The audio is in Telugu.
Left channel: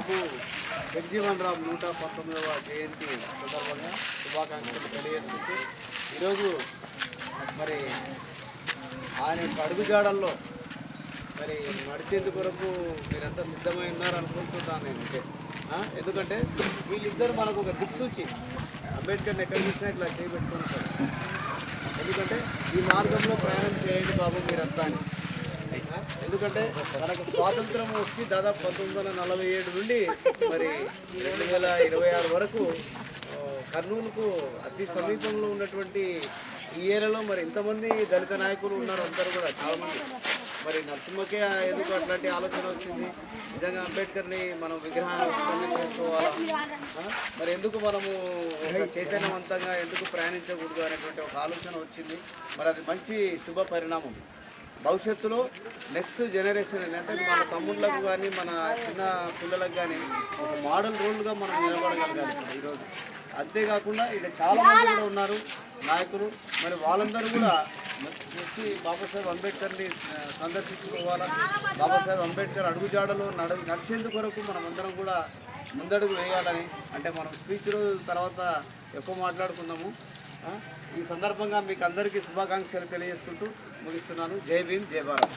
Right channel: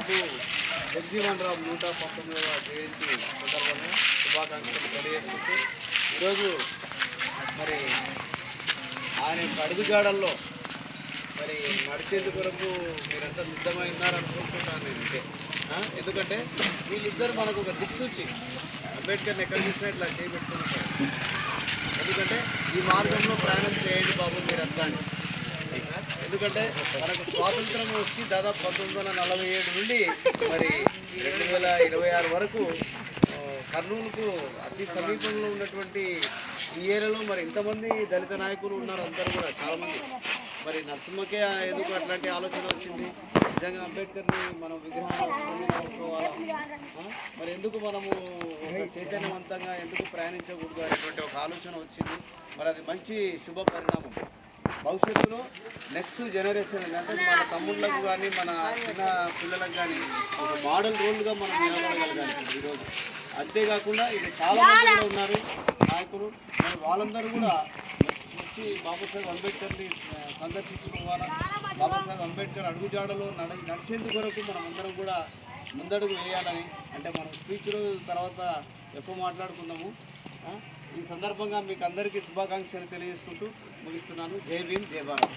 బాబు జగజీవన్ రామ్ 119వ జయంతి సందర్భంగా శుభాకాంక్షలు తెలియజేస్తూ ఈరోజు మరి ఆయన యొక్క అడుగుజాడల్లో మరి నడిచేందుకు కొరకు మీరంతా సిద్ధమై ఉన్నారనుకుంటున్నాను నేనైతే. ఎందుకంటే వీళ్ళిద్దరు మనకు ఒక దిక్సూచి. అంబేద్కర్ని ఎక్కడ చూసినా ఇట్లా చేయబెట్టుకుని ఉంటారు. ఎందుకంటే ఈ మార్గంలో ప్రయాణం చేయండి బాబు మీరంతా అని. ఎందుకంటే మనకు స్వాతంత్రం వచ్చి దాదాపు 1947 నుండి మరి 2026 వరకు కర్నూలుకు అతి సమీపంలో ఉన్నటువంటి ఈ ఏరియాలో మరి ఇంతమంది దళిత నాయకులు ఉన్నారు. అందరూ కూడా చాలామంది. మరి నరసింహకే ఎందుకు అట్లాంటి ఆలోచన వచ్చింది? నిజంగా అంబేద్కర్ని మనం విగ్రహాన్ని చేసుకోవాలా, మరి ఎందుకు మనము ఒక చైతన్యవంతంగా ఎందుకు ప్రయాణించకూడదు అనేటువంటి ఒక ఆలోచన వచ్చింది. మరి అది మంచి శుభ పరిణామం. భవిష్యత్తులో నెక్స్ట్ జనరేషన్ అంటే మన తమ్ముళ్ళకు కానీ మన చిన్న పిల్లలకు కానీ ఒక మోడల్ రోల్గా మనం నిలబడగలగాలి ఈరోజు. అంతేకాకుండా ఇక్కడ చాలామంది కూడా ఉన్నారు నాయకులు. మరి వాళ్ళందరూ కూడా వచ్చి బాబాసాహెబ్ అంబేద్కర్ని సందర్శించుకోవాలా. బాబాసాహెబ్ అంబేద్కర్ అడుగుజాడలో నడిచేందుకు కొరకు మనం అందరం కూడా ముందడుగు వేయాలని, అంటే మనం స్పీచ్ తర్వాత ఎక్కువ మాట్లాడుకుందాము. ఈ సందర్భంగా మీకు అందరికీ శుభాకాంక్షలు తెలియజేసుకుంటూ ముగిస్తున్నాను. జై భీమ్, జై భారత్.